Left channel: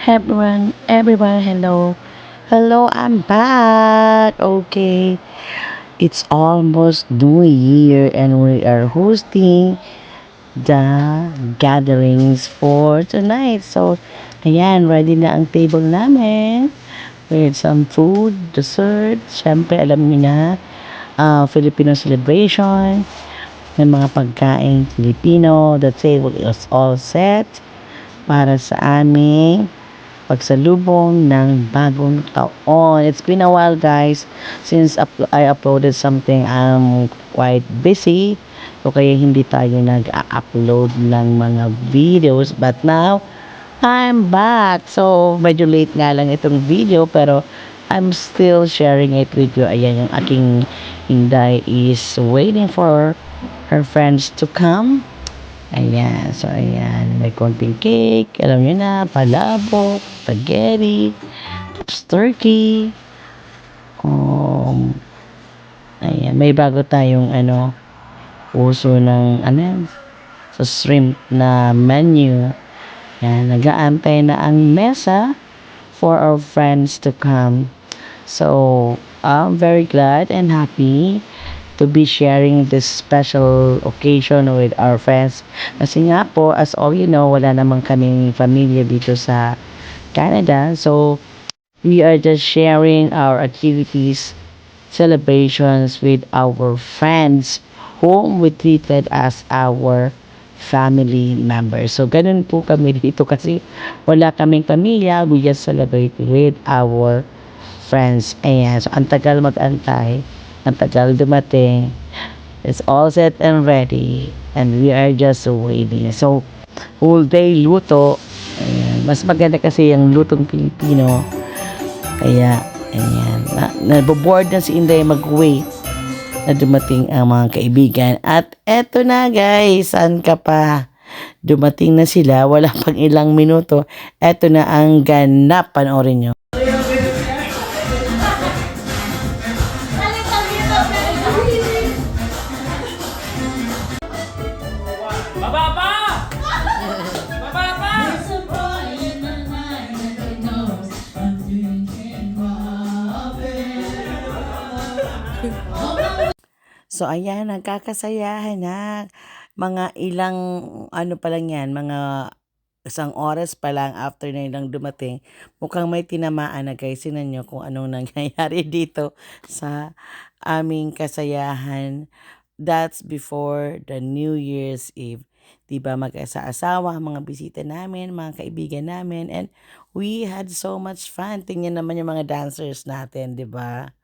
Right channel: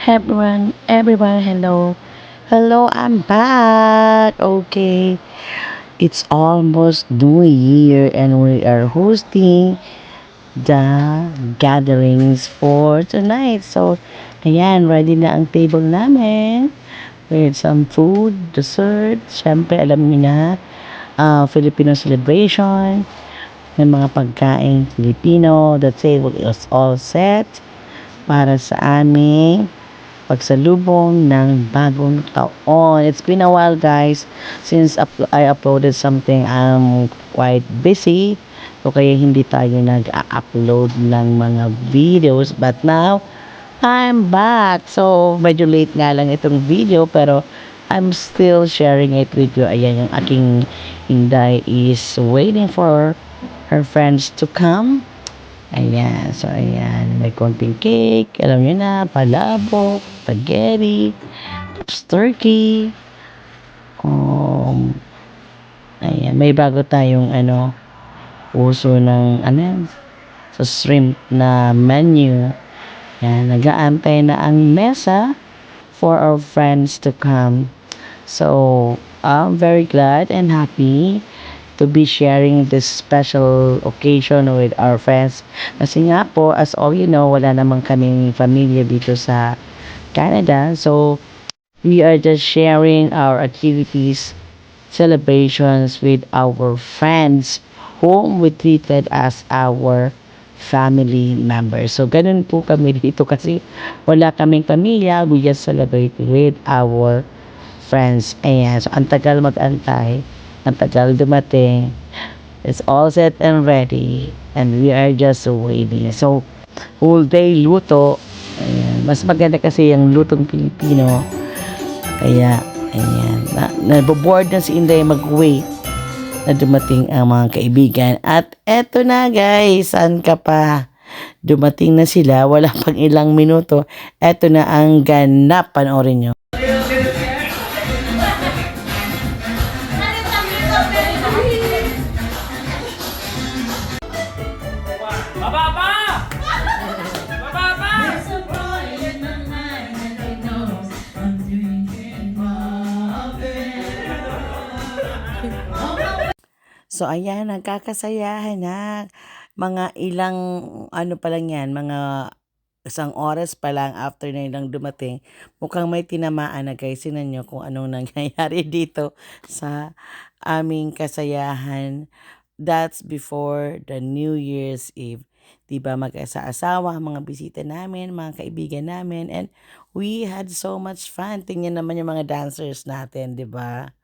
Everyone, hello. Hello, I'm back. Okay, it's almost New Year and we are hosting the gatherings for tonight. So, ayan, ready na ang table namin with some food, dessert. Siyempre, alam niyo na, Filipino celebration, may mga pagkain Filipino. The table is all set para sa aming pagsalubong ng bagong taon. It's been a while guys since I uploaded something. I'm quite busy. So kaya hindi tayo nag-upload ng mga videos. But now, I'm back. So medyo late nga lang itong video pero I'm still sharing it with you. Ayan yung aking Inday is waiting for her friends to come. Ayan, so ayan, may konting cake, alam niyo na, palabok, spaghetti, turkey, um, ayan, may bago tayong uso ng, sa shrimp na menu. Ayan, nag-aantay na ang mesa for our friends to come. So, I'm very glad and happy to be sharing this special occasion with our friends. Kasi nga po, as all you know, wala namang kaming pamilya dito sa Canada. So, we are just sharing our activities, celebrations with our friends whom we treated as our family members. So, ganun po kami dito kasi wala kaming pamilya. We just celebrate with our friends. Ayan. So, ang tagal mag-antay. Ang tagal dumating. It's all set and ready. And we are just waiting. So, whole day luto. Ayan. Mas maganda kasi yung lutong Pilipino. Kaya, ayan. Naboboard na si Inday mag-wait na dumating ang mga kaibigan. At eto na guys. Saan ka pa? Dumating na sila. Wala pang ilang minuto. Eto na ang ganap. Panoorin nyo. So, ayan, nagkakasayahan na. Mga ilang, pa lang yan, mga isang oras pa lang after na ilang dumating. Mukhang may tinamaan na guys. Sinan nyo kung anong nangyayari dito sa aming kasayahan. That's before the New Year's Eve. Diba, mag-asa-asawa, mga bisita namin, mga kaibigan namin. And we had so much fun. Tingnan naman yung mga dancers natin, diba?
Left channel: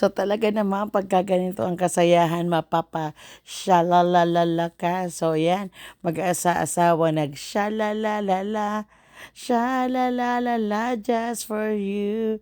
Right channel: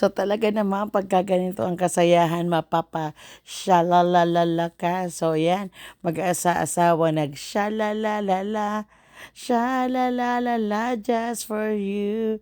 So talaga naman pagka ganito ang kasayahan, mapapa-shalalalala ka. So yan, mag-asa-asawa nag-shalalalala, shalalalala just for you.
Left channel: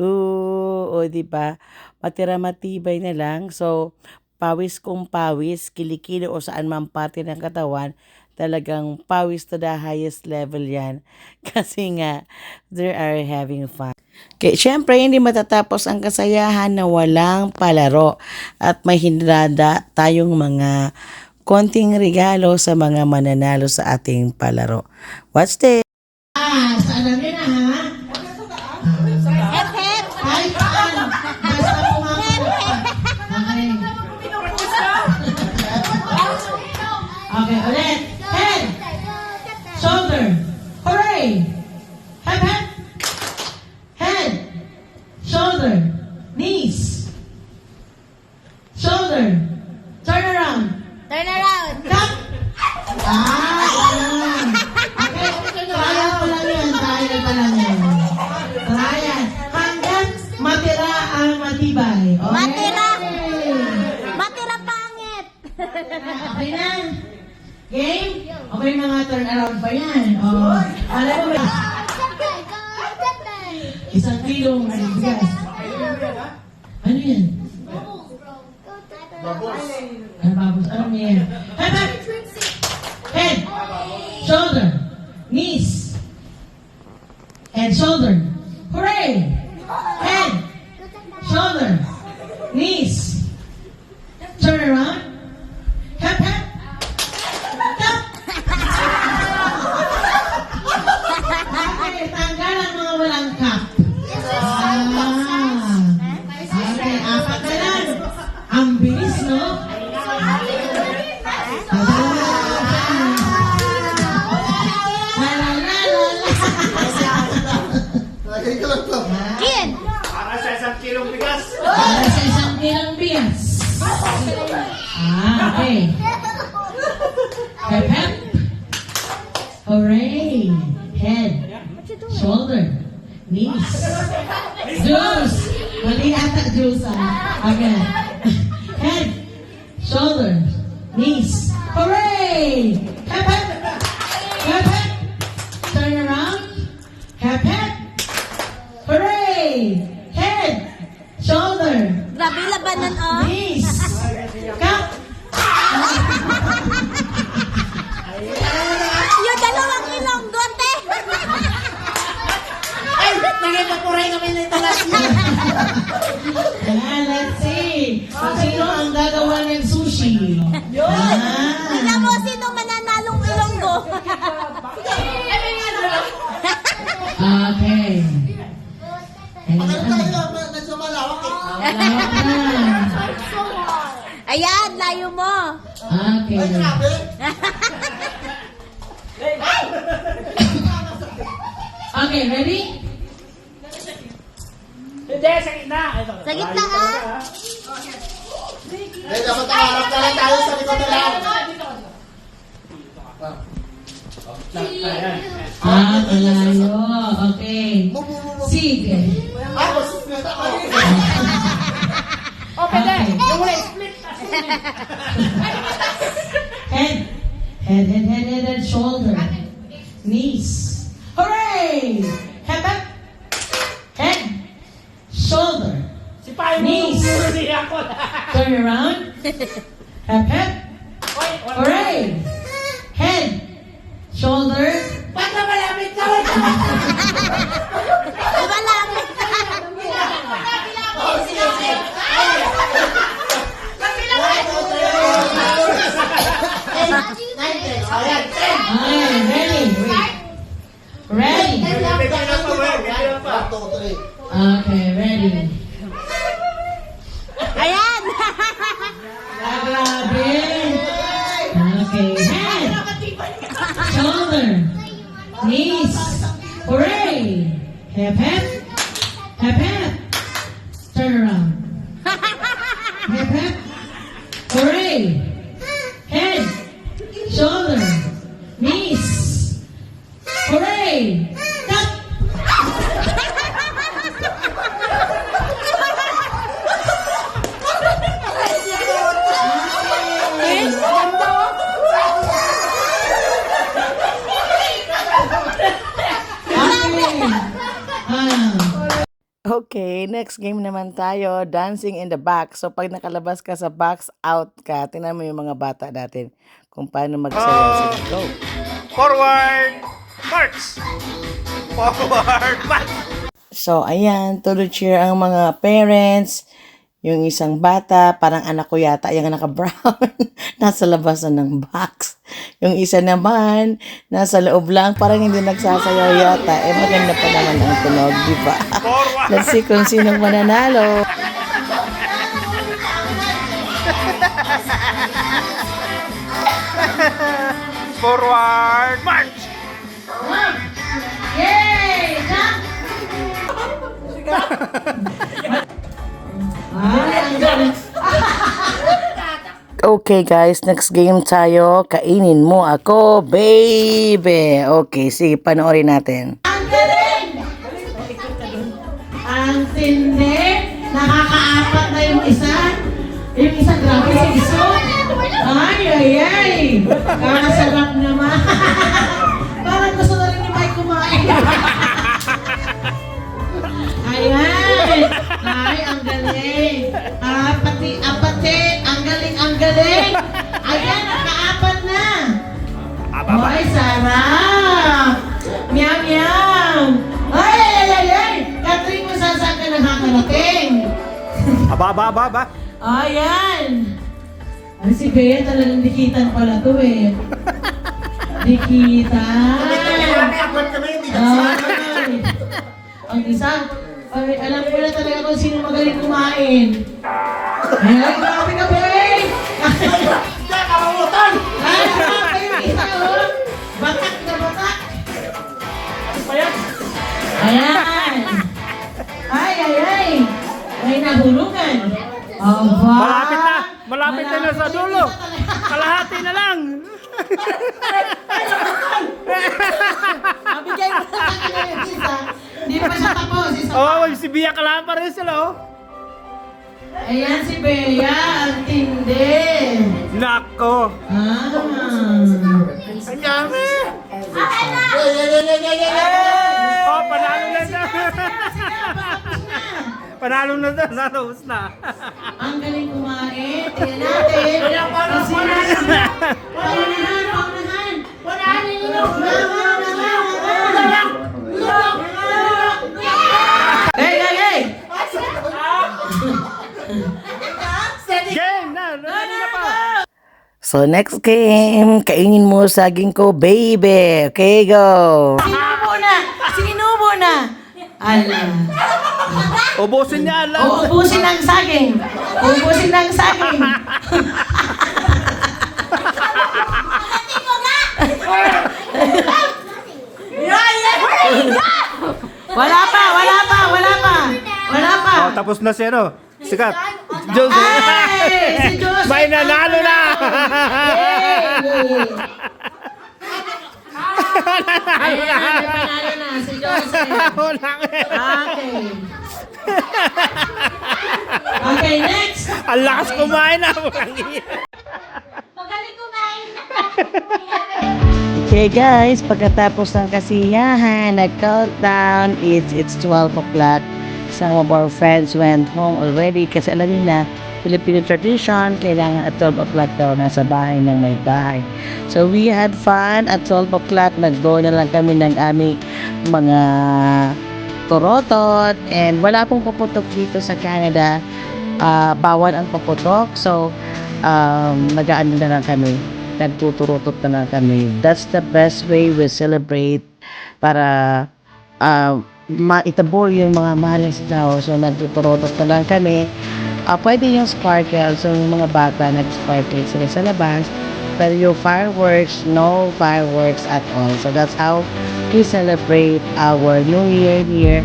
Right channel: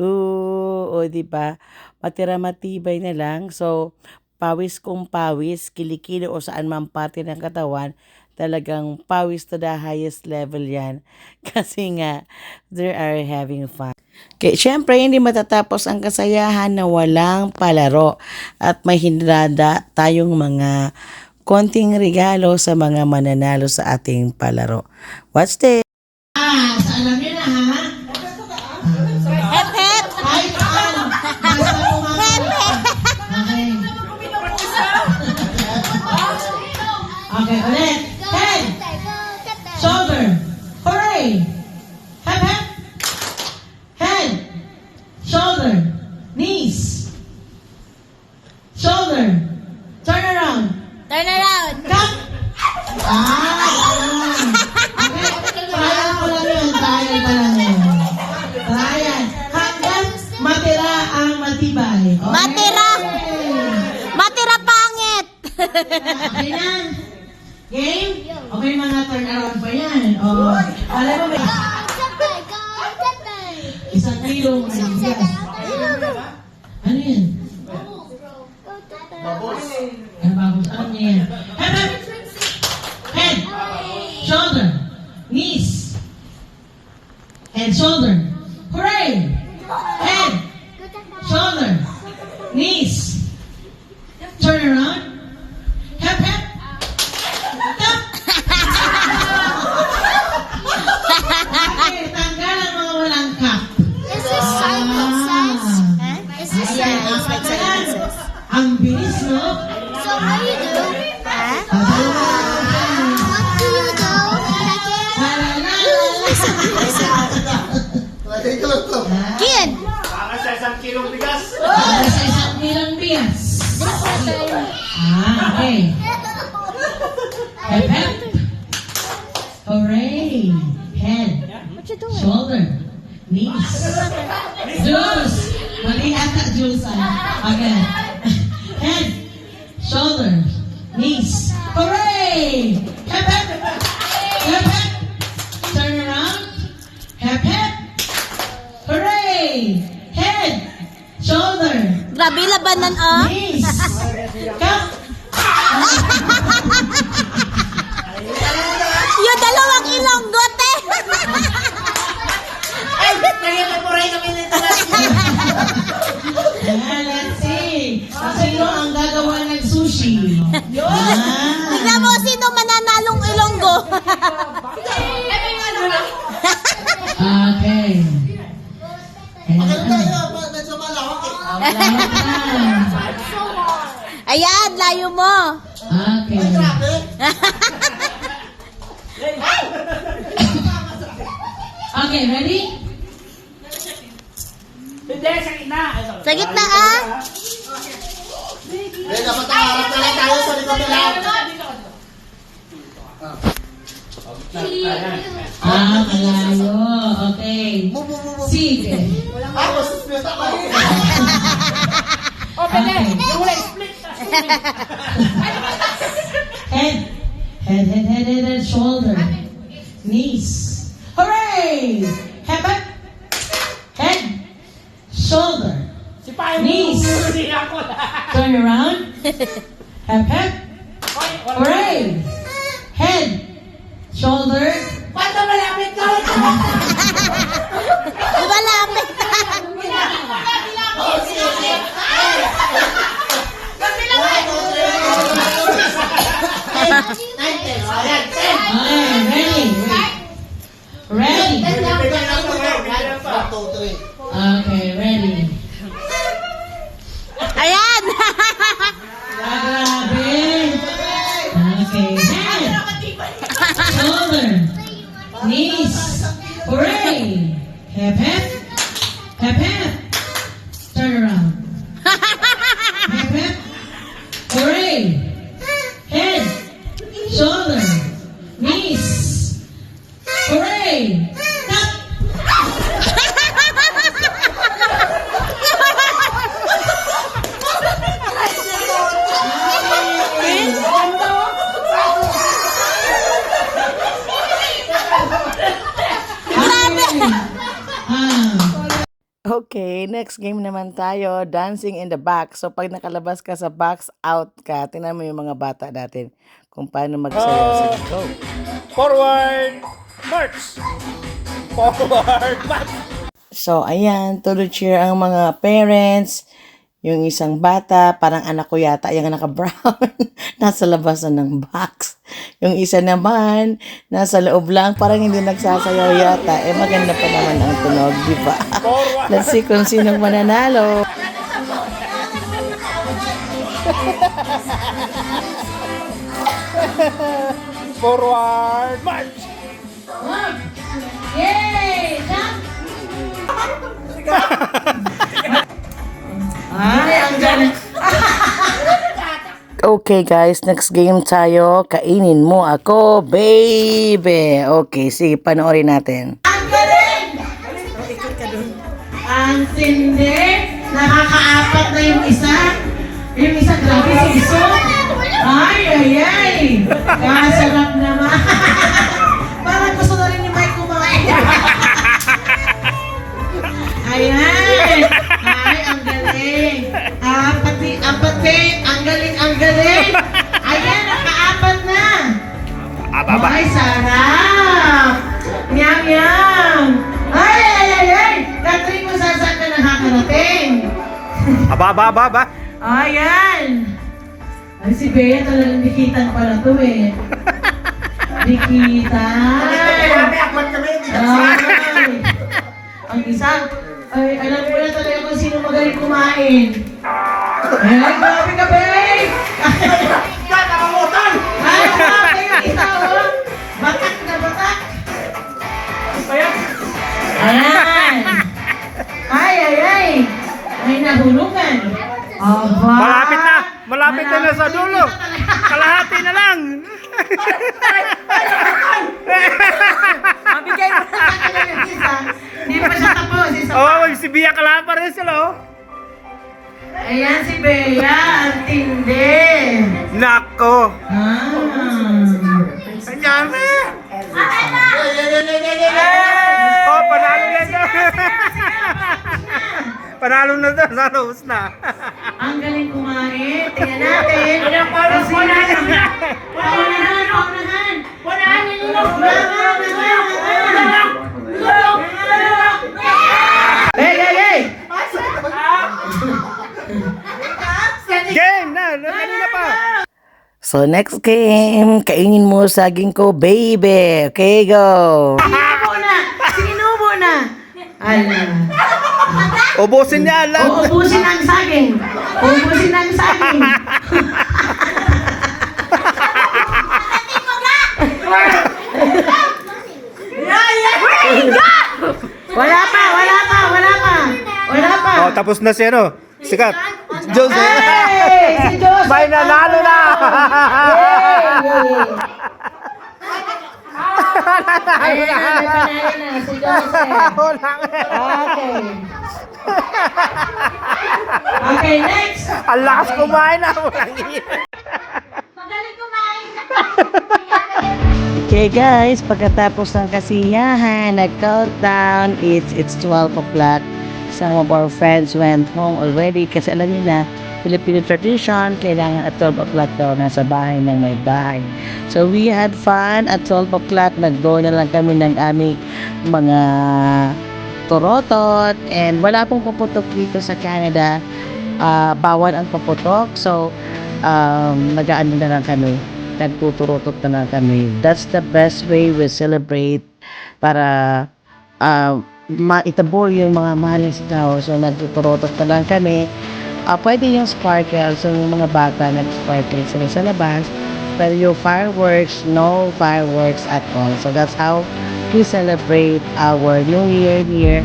O diba? Matira-matibay na lang. So pawis kung pawis, kilikili o saan man parte ng katawan, talagang pawis to the highest level yan. Kasi nga, they are having fun. Okay, syempre hindi matatapos ang kasayahan na walang palaro at may hinrada tayong mga konting regalo sa mga mananalo sa ating palaro. Watch this! So alam nyo na ha? Hep hep! Kahit saan, basta pumasok. Okay, ulit. Head! Shoulder! Hooray! Hep hep! Head! Shoulder! Knees! Shoulder! Turn around! Turn around. Cut! Ayun! Okay, trial ko lang yun. Trial ko lang yun. Trial. Hanggang matira ang matibay. Okay? Matira. Matira pangit. Okay na? Game? Okay, mga turn around pa yan. Oh. Alam mo, may isang kilong bigas. Ano yan? Babos. Ano babos? Ano yan? Head. Shoulder. Knees. Head, shoulder. Hooray! Head. Shoulder. Knees. Turn around. Hep, hep. Tap. Okay, tanggal ang mga walang cup. Okay, apat na lang. Ang bilis, no? Kin! Para sa isang kilong bigas. Okay. Hep, hep. Hooray. Head. Shoulder. Knees. Juice. Mali ata juice, Okay. Head. Shoulder. Knees. Hooray. Hep, hep. Hep, hep. Turn around. Hep, hep. Hooray. Head. Shoulder. Grabe labanan, oh. Knees. Cup. Yung dalawang ilonggot, eh. Let's see. Sino ang gagawa ng sushi? Tignan mo sino mananalong ilonggo. Okay. Ayan, layo mo. Okay. Okay, ready? Sa gitna, ah. Dapat harap na lang tayo sa likod na lang. Malayo. Okay. Sige. Ako, suspect ako. Okay. Head. Head, shoulder. Knees. Hooray! Head, head. Head. Shoulder. Knees. Turn around. Head, head. Hooray! Head. Shoulder. Diba lapit? Okay, ready. Okay, ready. Ayan. Grabe. Okay, head. Shoulder. Knees. Hooray. Hep, hep. Hep, hep. Turn around. Hep, hep. Hooray. Head. Shoulder. Knees. Hooray. Tap. Okay, next game naman tayo, dancing in the box. So pag nakalabas ka sa box, out ka. Tingnan mo yung mga bata natin kung paano magsayaw sila. Go! Forward march! Forward march! So ayan, to the cheer ang mga parents. Yung isang bata, parang anak ko yata, yung naka-brown, nasa labasan ng box. Yung isa naman, nasa loob lang, parang hindi nagsasayaw yata. Eh maganda pa naman ang tunog, di ba? Let's see kung sinong mananalo. Forward march! Yay! Ay, ang galing. Okay guys, next game tayo. Kainin mo ako, baby. Okay, sige, panoorin natin. Ang galing! Ang sindi. Nakakaapat na yung isa. Yung isa, grabe si Iso. Ay. Kasarap naman. Parang gusto na rin yung mic kumain. Ayan. Ay, ang galing. Apat. Ang galing. Ayan, nakaapat na. Ay, sarap. Yum. Ay. Catherine, kung saan ka nakakarating. Aba. Ayan! Ay, si Bea talagang dikitan pala to eh. Dikitan! May akwat kami, hindi ka Ay! Ang isa, ay, alam ko na talaga kung sino magaling kumain. Ayan, grabe ka, Bea! Kakamutan! Ay, grabe yung isa, oh! Batak na batak! Ayan! Ay! May nahulugan. Aba! Malapit na sa dulo. Kalahati na lang. Mabigay mo na sa kanya yung isa. Hindi pa siya tapos. Isa pa. Oh, si Bia kalahan pa rin sila, oh. Ayan si Bea. Ang tindi. Nako. Ah. Ayan. Oh, panalo na na. Panalo na na. Nanos na. Ang galing kumain. Tingnan natin. Paunahan. Hey! Game na. Kanina pa. So next game, kainin mo saging ko, baby. Okay, go. Sinubo na. Ala. Ubusin niya lang. Ubusin ang saging. Wala pa. Oh, tapos na si ano. Sikat. Jose. Ay, si Jose. May nanalo na. Ayan na, may panalo na si Jose. Okay, next. Ang lakas kumain na. Magaling kumain. Okay guys, pagkatapos ng kasiyahan, nag-countdown, it's 12 o'clock. Some of our friends went home already kasi alam nila, Filipino tradition, kailangan at 12 o'clock daw nasa bahay ng may bahay. So we had fun at 12 o'clock, nag-go na lang kami ng aming mga torotot and wala pong puputok dito sa Canada. Bawal ang puputok, so nag-aano na lang kami, nagtuturotot na lang kami. That's the best way we celebrate para maitabor yung mga mahal sa tao. So nagtuturotot na lang kami. Pwede yung sparkle, so yung mga bata nag-sparkle sila sa labas, pero yung fireworks, no fireworks at all. So that's how we celebrate our New Year here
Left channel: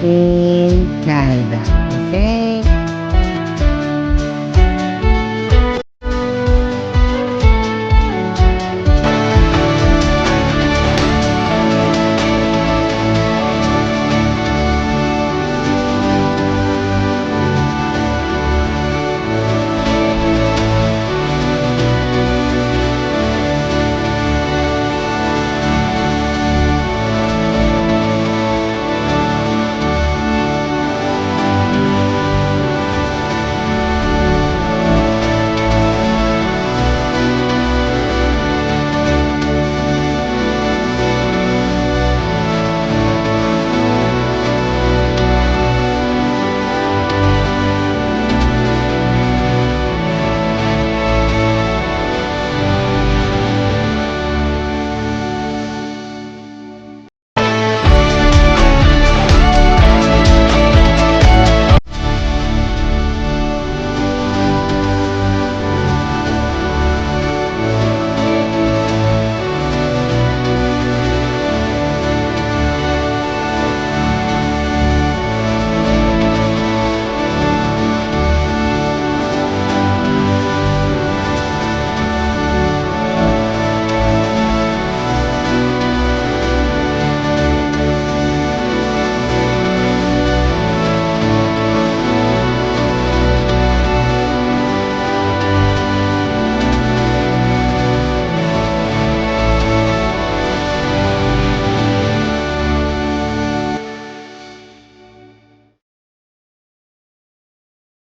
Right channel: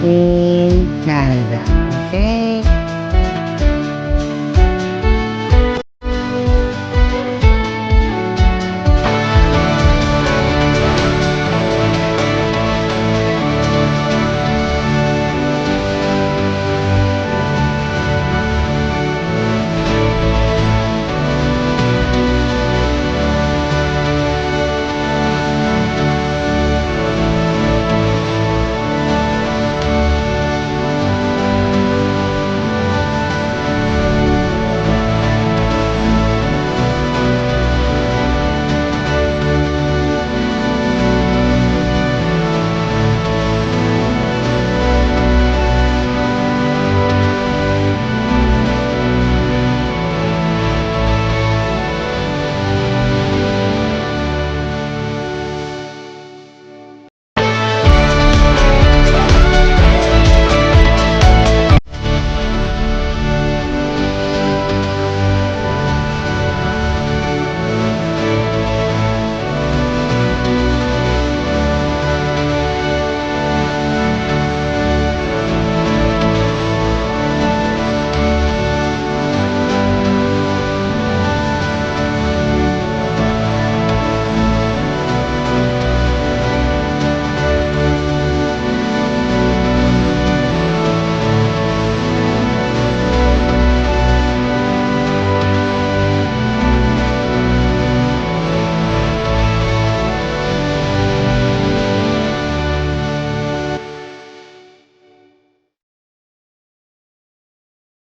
in Canada. Okay?